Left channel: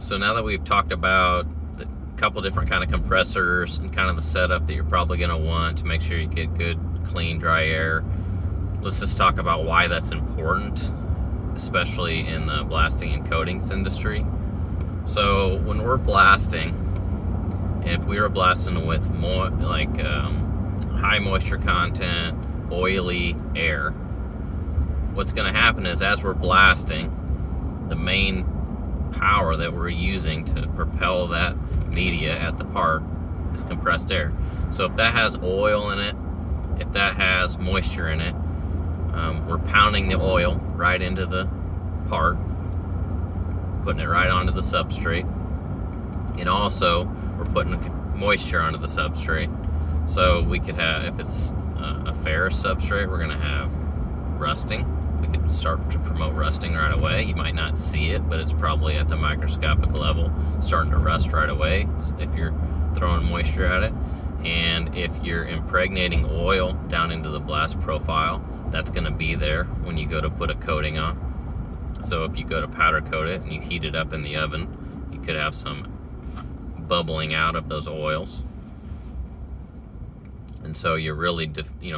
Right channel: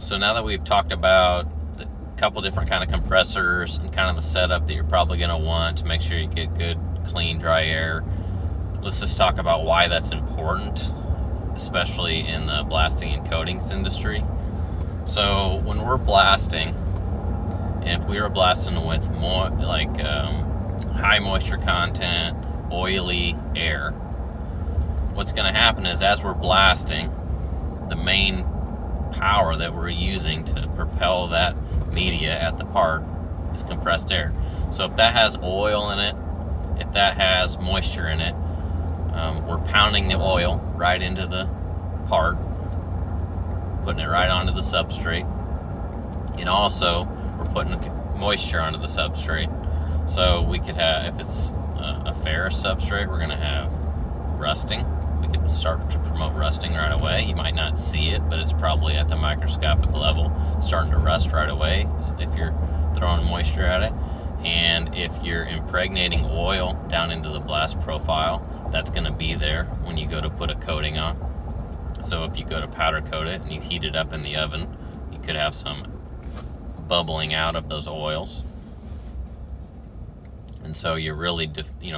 So now that we've talked about the couple different kind of compressors and kind of the setup that you're probably going to want to make sure you get good, clean, dry air, let's just talk about why that's important, especially in the blasting and coatings industry. So when we're blasting, and if we were blasting with more high moisture content, oily air, what's going to happen is as we're blasting, the main power that we're using to propel that media at the part is compressed air. So if that has oil in it, if that has moisture in it, we're pounding the oil right into the part, putting it right onto the substrate, and also we're putting moisture onto the substrate. So we could have, if it's a ferrous substrate, we're going to have rusting. We could start to promote rusting right away. You might not see it, but it's probably at the microscopic level starting to rust right away if you're throwing moisture at it. And if you're impregnating oil down into the blast profile, that's going to be there when you go to put a coating on. So if you go to powder coat it and you heat it up in the oven, you could have some bubbling out of those oils. And so you're really,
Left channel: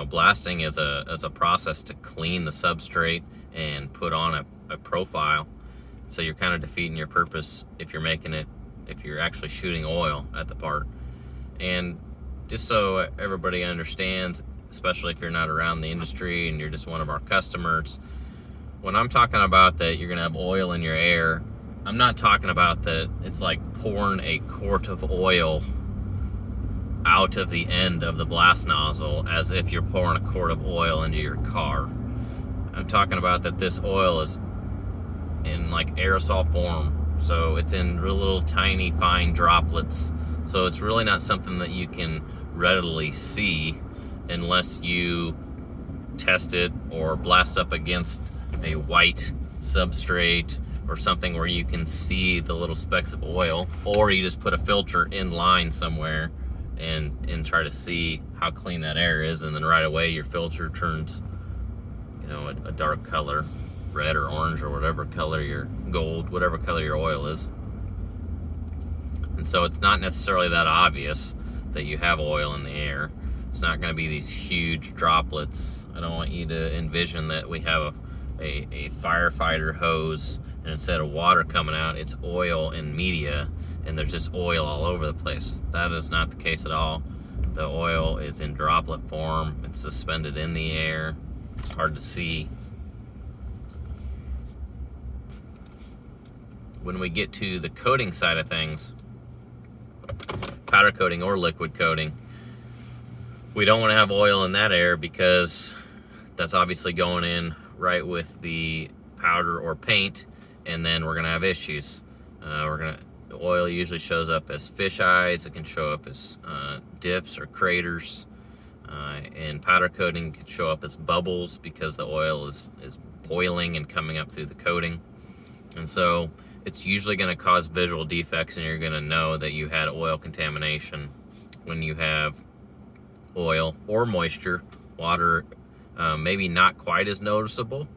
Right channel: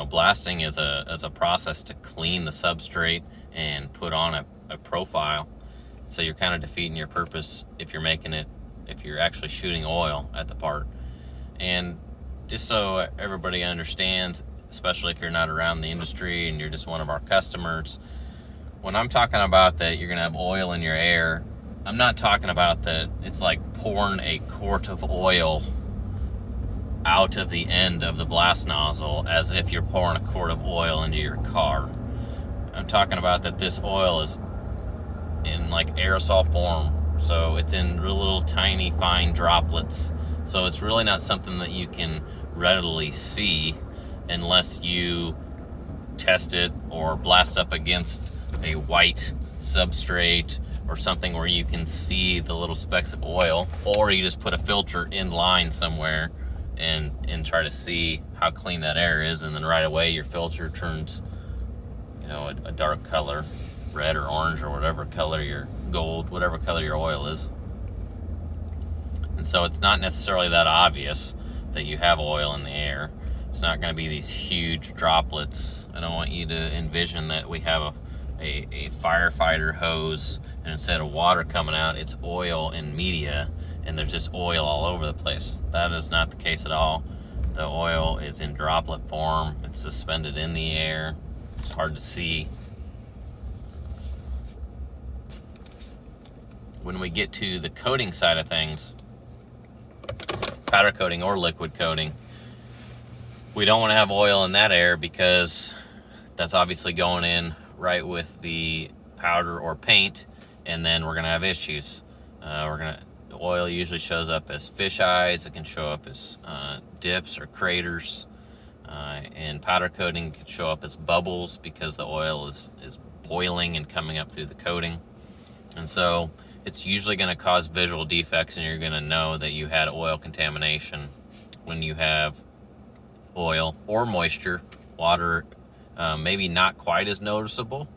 blasting is a process to clean the substrate and put on a profile. So you're kind of defeating your purpose if you're actually shooting oil at the part. And just so everybody understands, especially if you're not around the industry and you're just one of our customers, when I'm talking about that you're gonna have oil in your air, I'm not talking about that it's like pouring a quart of oil out of the end of the blast nozzle as if you're pouring a quart of oil into your car. I'm talking about that this oil is in like aerosol form, so it's in little tiny fine droplets. So it's really not something that you can readily see unless you test it or blast up against a white substrate or something where you can see the little specks of oil, or you just put a filter in line somewhere and try to see how clean that air is, and then right away your filter turns a dark color, red or orange or whatever color your gold, whatever color your oil is. And so it's not necessarily that obvious that you have oil in the air. It's not going to be these huge droplets. I don't want you to envision that we have a firefighter hose and instead of water coming out, it's oil and media, and there's just oil all over the place. That is not the case at all. The oil is in droplet form. It's suspended in the air. It's hard to see. When we get to the coating side of things, powder coating or liquid coating, we don't want to have oil in that air because that's obviously going in right with the powder or paint, and then we're going to have issues. The oil usually shows up as fish eyes. It can show up as dips or craters. And powder coating can show up as bubbles because the oil is boiling and coming up through the coating. And so it's usually going to cause visual defects, and you're going to know that you had oil contamination when you have oil or moisture. Water, maybe not quite as noticeable,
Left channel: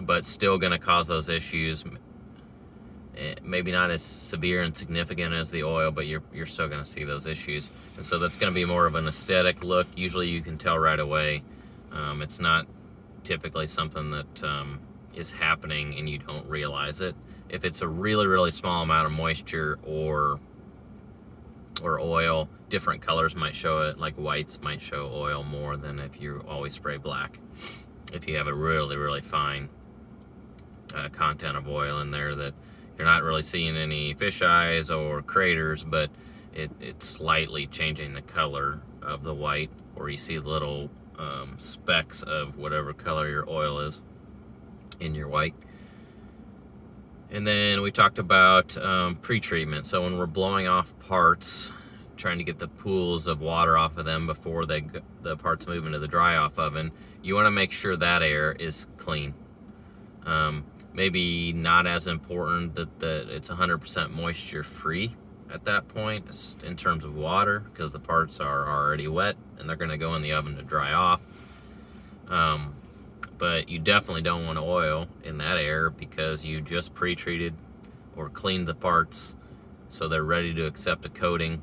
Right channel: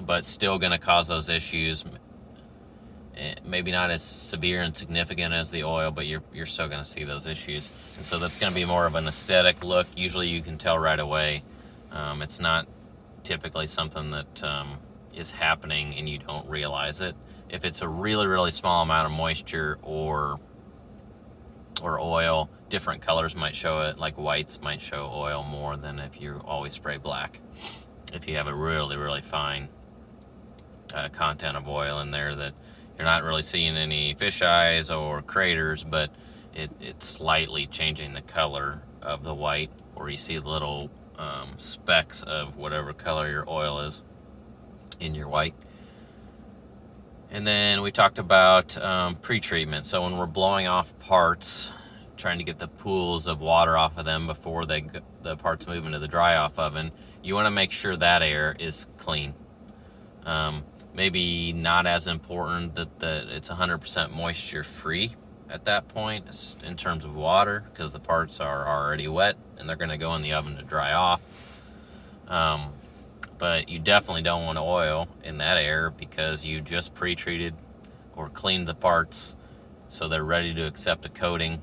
but still going to cause those issues. Maybe not as severe and significant as the oil, but you're still going to see those issues. And so that's going to be more of an aesthetic look. Usually you can tell right away. It's not typically something that is happening and you don't realize it. If it's a really, really small amount of moisture or oil, different colors might show it. Like whites might show oil more than if you always spray black. If you have a really, really fine content of oil in there that you're not really seeing any fish eyes or craters, but it's slightly changing the color of the white, or you see little specks of whatever color your oil is in your white. And then we talked about pre-treatment. So when we're blowing off parts, trying to get the pools of water off of them before the parts move into the dry off oven, you want to make sure that air is clean. Maybe not as important that it's 100% moisture free at that point in terms of water, because the parts are already wet and they're going to go in the oven to dry off. But you definitely don't want oil in that air because you just pre-treated or cleaned the parts so they're ready to accept a coating.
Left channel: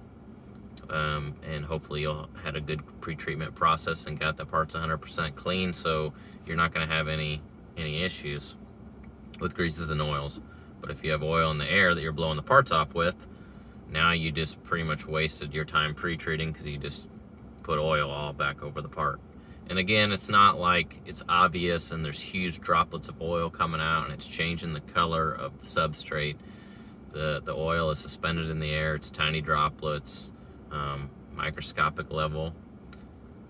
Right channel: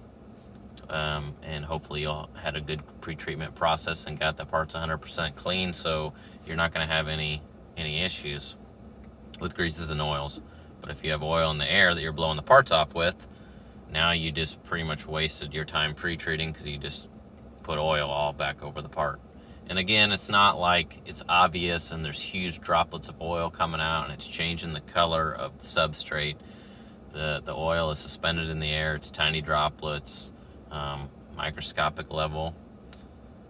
And hopefully you'll had a good pre-treatment process and got the parts 100% clean, so you're not going to have any issues with greases and oils. But if you have oil in the air that you're blowing the parts off with, now you just pretty much wasted your time pre-treating because you just put oil all back over the part. And again, it's not like it's obvious and there's huge droplets of oil coming out and it's changing the color of the substrate. The oil is suspended in the air. It's tiny droplets, microscopic level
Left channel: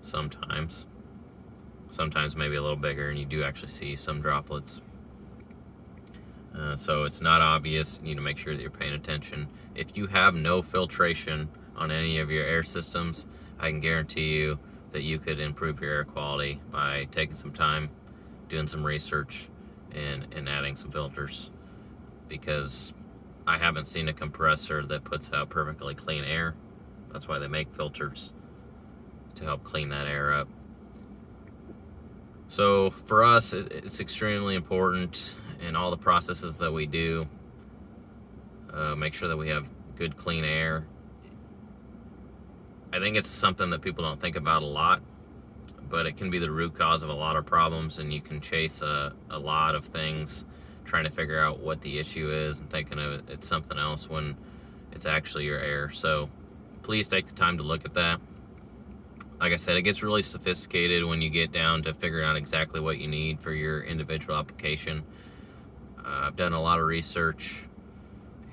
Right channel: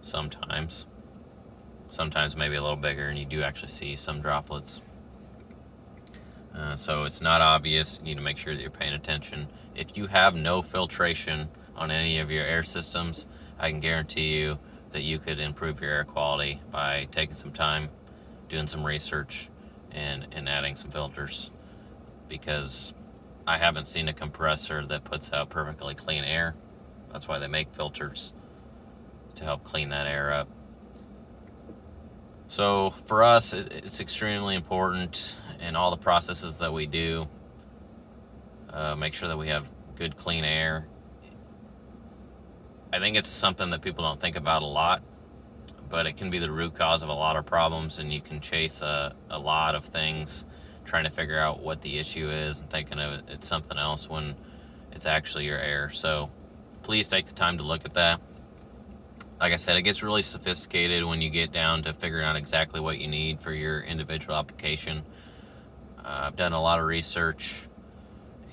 sometimes maybe a little bigger, and you do actually see some droplets. So it's not obvious. You need to make sure that you're paying attention. If you have no filtration on any of your air systems, I can guarantee you that you could improve your air quality by taking some time, doing some research, and adding some filters, because I haven't seen a compressor that puts out perfectly clean air. That's why they make filters, to help clean that air up. So for us, it's extremely important in all the processes that we do. Make sure that we have good, clean air. I think it's something that people don't think about a lot, but it can be the root cause of a lot of problems, and you can chase a lot of things trying to figure out what the issue is and thinking of it's something else when it's actually your air. So please take the time to look at that. Like I said, it gets really sophisticated when you get down to figuring out exactly what you need for your individual application. I've done a lot of research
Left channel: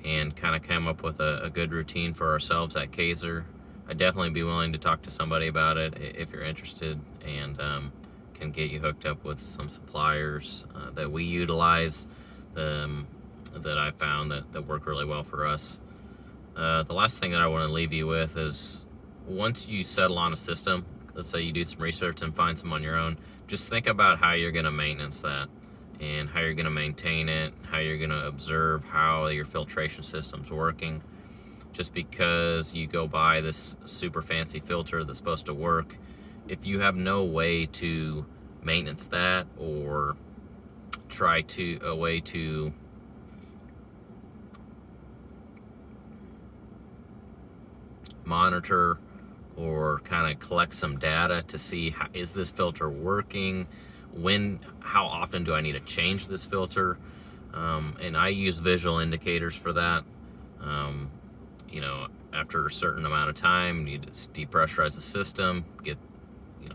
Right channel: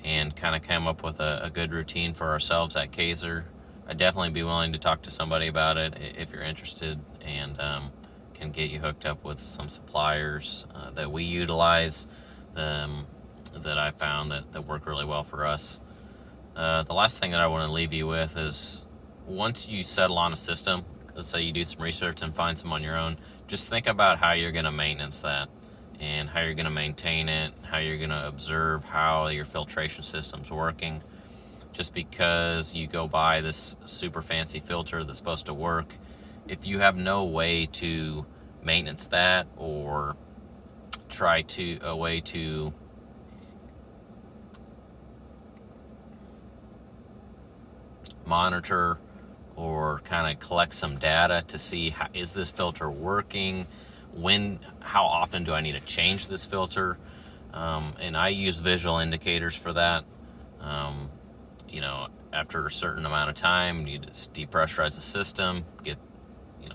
and kind of came up with a good routine for ourselves at Kaiser. I'd definitely be willing to talk to somebody about it if you're interested, and can get you hooked up with some suppliers that we utilize, that I found that work really well for us. The last thing that I want to leave you with is, once you settle on a system, let's say you do some research and find some on your own, just think about how you're going to maintenance that, and how you're going to maintain it, how you're going to observe how your filtration system's working. Just because you go buy this super fancy filter that's supposed to work, if you have no way to maintenance that, or a way to monitor or kind of collect some data to see is this filter working, how often do I need to change this filter, and I use visual indicators for that. After a certain amount of time, you just depressurize the system,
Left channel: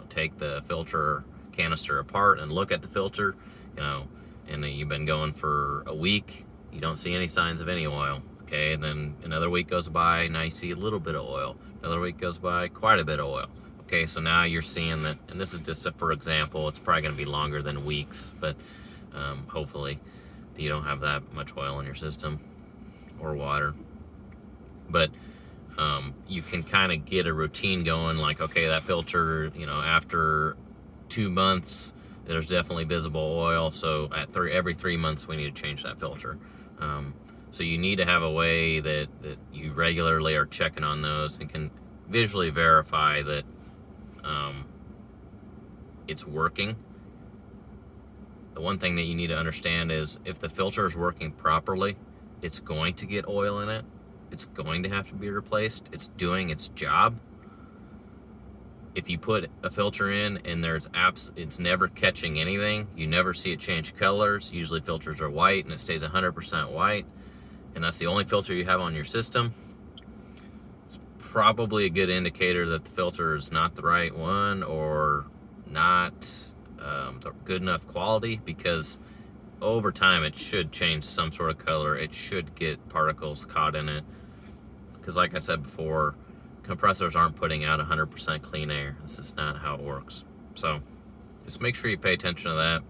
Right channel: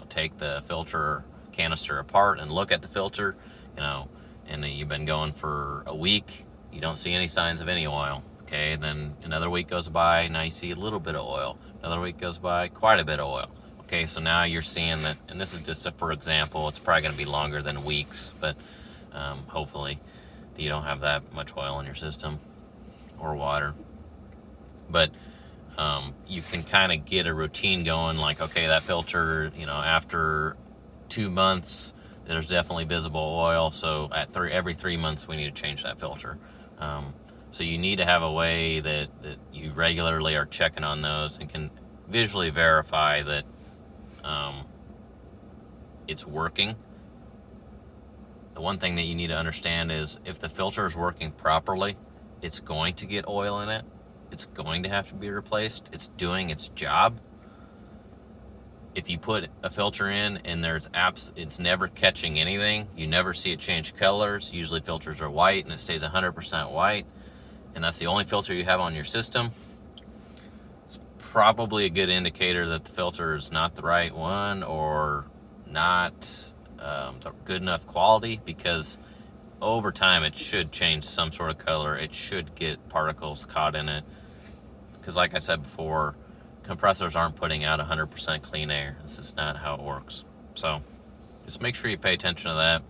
take the filter canister apart and look at the filter, and you've been going for a week, you don't see any signs of any oil. Okay, and then another week goes by, now you see a little bit of oil. Another week goes by, quite a bit of oil. Okay, so now you're seeing that, and this is just for example, it's probably going to be longer than weeks, but hopefully you don't have that much oil in your system or water. But you can kind of get a routine going, like, okay, that filter, after 2 months, there's definitely visible oil, so every 3 months we need to change that filter. So you need to have a way that you regularly are checking on those and can visually verify that it's working. The one thing that you need to understand is, if the filter is working properly, it's going to get oil in it. It's going to have to be replaced. It's doing its job. If you put a filter in and it's never catching anything, you never see it change colors. Usually filters are white and it stays 100% white, and that's the only filter you have on your system, it's probably a good indicator that the filter is not the right one, or not the good enough quality, because over time it should change some sort of color. It should get particles caught in it, because like I said before, compressors aren't putting out 100% clean air. This is not how it works. So just make sure you pay attention to that.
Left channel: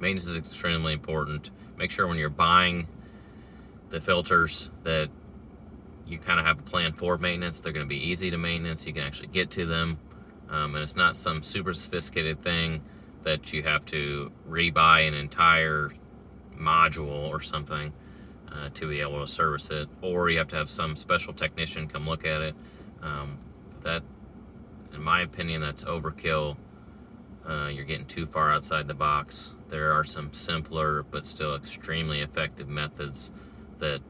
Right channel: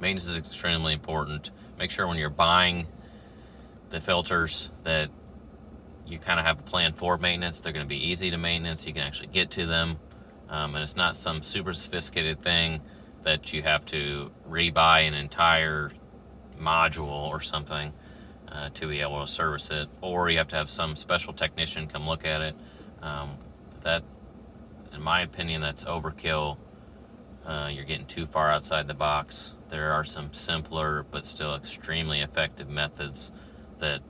Maintenance is extremely important. Make sure when you're buying the filters that you kind of have a plan for maintenance. They're going to be easy to maintenance. You can actually get to them, and it's not some super sophisticated thing that you have to rebuy an entire module or something to be able to service it, or you have to have some special technician come look at it. That, in my opinion, that's overkill. You're getting too far outside the box. There are some simpler but still extremely effective methods that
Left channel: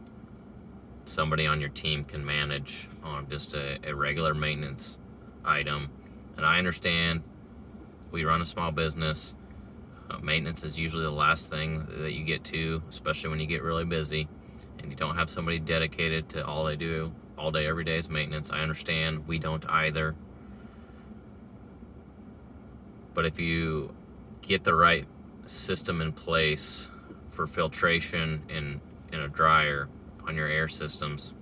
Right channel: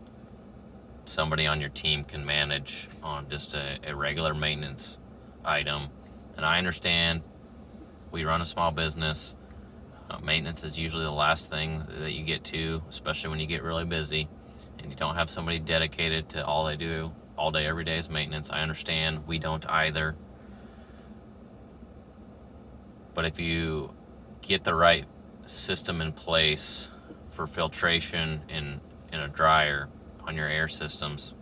somebody on your team can manage on just a regular maintenance item. And I understand we run a small business. Maintenance is usually the last thing that you get to, especially when you get really busy and you don't have somebody dedicated to all they do all day, every day is maintenance. I understand. We don't either. But if you get the right system in place for filtration in a dryer on your air systems,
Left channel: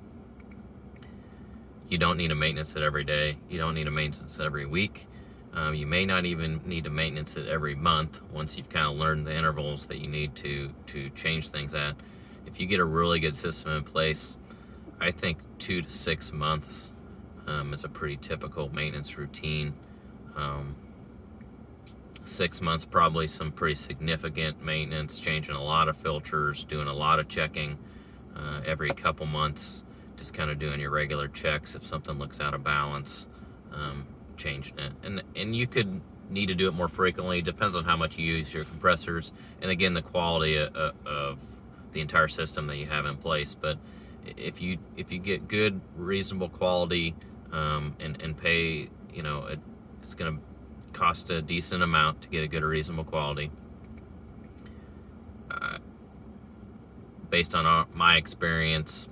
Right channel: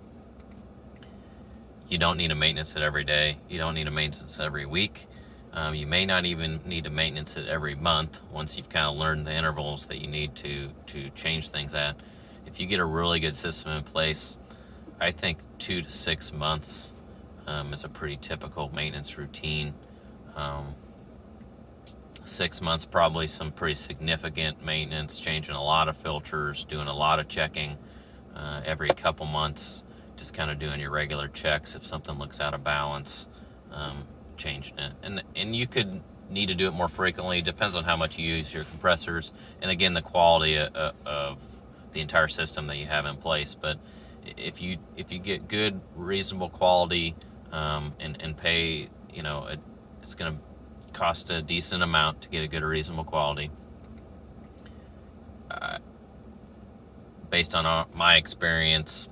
you don't need to maintenance it every day. You don't need to maintenance it every week. You may not even need to maintenance it every month once you've kind of learned the intervals that you need to change things at. If you get a really good system in place, I think 2 to 6 months is a pretty typical maintenance routine. 6 months, probably some pretty significant maintenance, changing a lot of filters, doing a lot of checking every couple months, just kind of doing your regular checks if something looks out of balance. Changing it, and you could need to do it more frequently. Depends on how much you use your compressors, and again the quality of the entire system that you have in place. But if you get good, reasonable quality, and pay, it's going to cost a decent amount to get a good, reasonable quality. Based on my experience,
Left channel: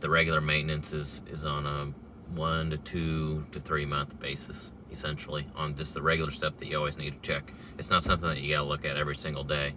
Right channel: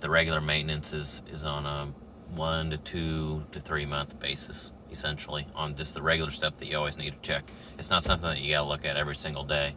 the regular maintenance is on a 1 to 2 to 3 month basis, essentially, on just the regular stuff that you always need to check. It's not something that you gotta look at every single day.